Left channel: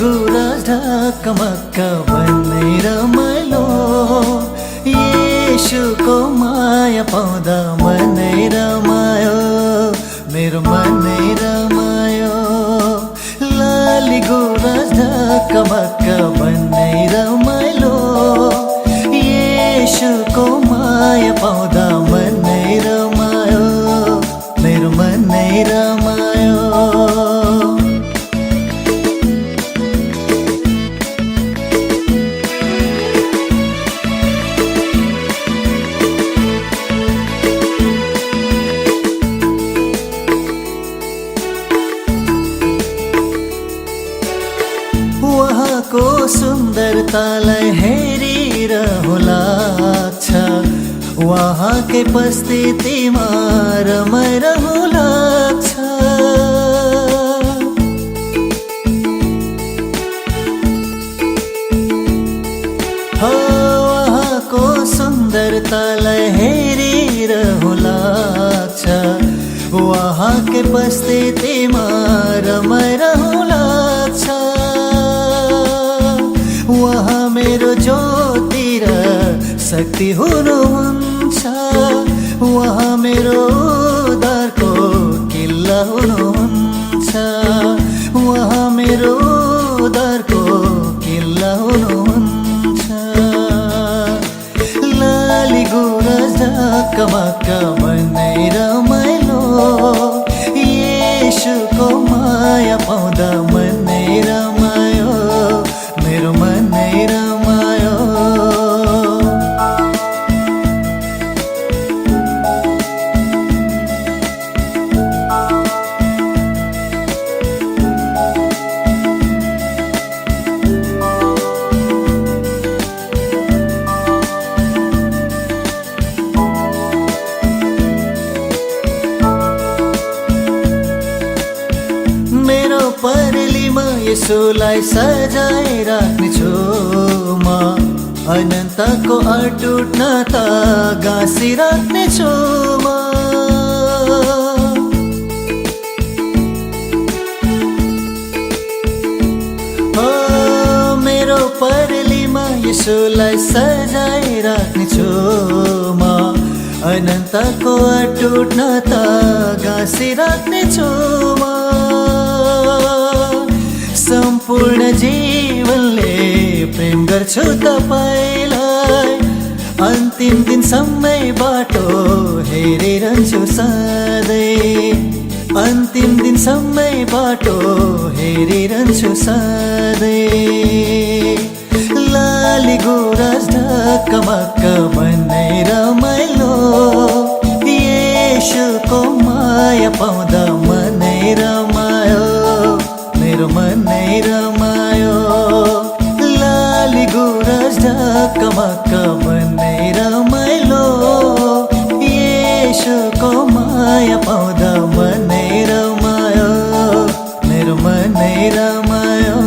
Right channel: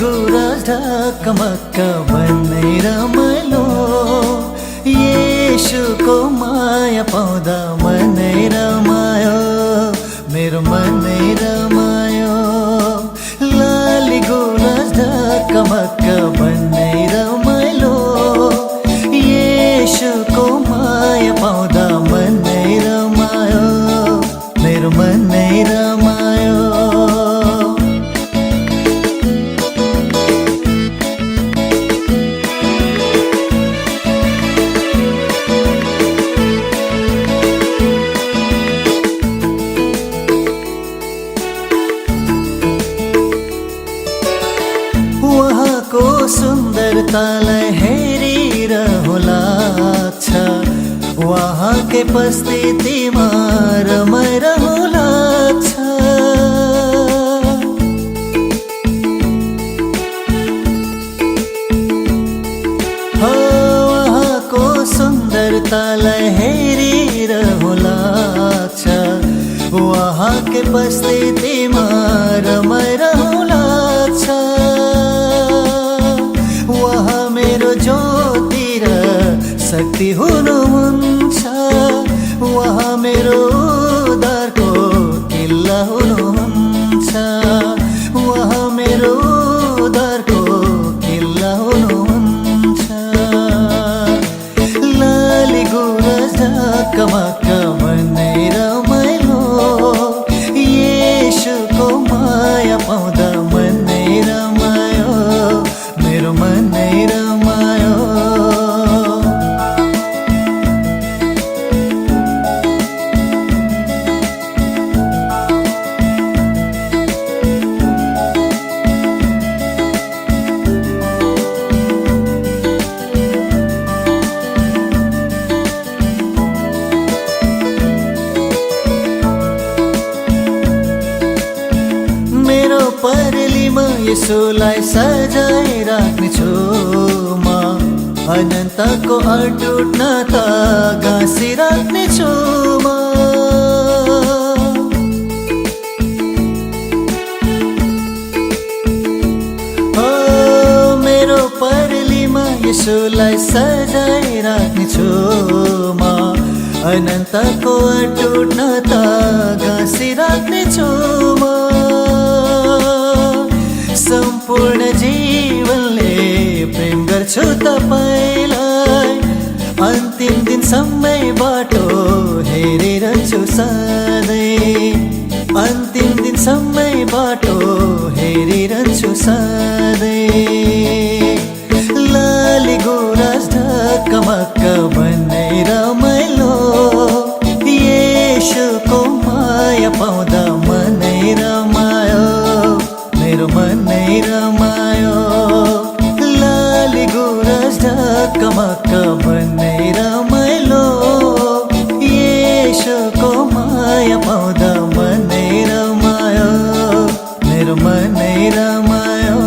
गुराँस ढकमक्क भन्ने रमाइलो, येशूको माया पाउँदा मनै रमायो, मेरो मनै रमायो। लाली गुराँस ढकमक्क भन्ने रमाइलो, येशूको माया पाउँदा मनै रमायो, मेरो मनै रमायो। उहाँको सुन्दरतालाई हेरिरहँ लाग्छ, उहाँकै उपस्थितिमा रमाइरहँ लाग्छ। उहाँको सुन्दरतालाई हेरिरहँ लाग्छ, उहाँकै उपस्थितिमा रमाइरहँ लाग्छ। उहाँ मेरो ज्योति र शक्ति हुनुहुन्छ, उहाँ मेरो उद्धारको किल्ला हुनुहुन्छ, उहाँ मेरो उद्धारको किल्ला हुनुहुन्छ। लाली गुराँस ढकमक्क भन्ने रमाइलो, येशूको माया पाउँदा मनै रमायो, मेरो मनै रमायो। मेरो परेलीमा यसोलाई सजाइ राख्नेछु म, अनन्तको अटुट नाता गाँसी राख्नेछु म। मेरो परेलीमा यसोलाई सजाइ राख्नेछु म, अनन्तको अटुट नाता गाँसी राख्नेछु म। सम्पूर्ण जीवनले प्रेम गर्छु तपाईलाई, अन्तिम दिनसम्मै बाटो हेरिरहन्छु सधैँ, अन्तिम दिनसम्मै बाटो हेरिरहन्छु सधैँ। लाली गुराँस ढकमक्क भन्ने रमाइलो, येशूको माया पाउँदा मनै रमायो, मेरो मनै रमायो। लाली गुराँस ढकमक्क भन्ने रमाइलो, येशूको माया पाउँदा मनै रमायो, मेरो मनै रमायो।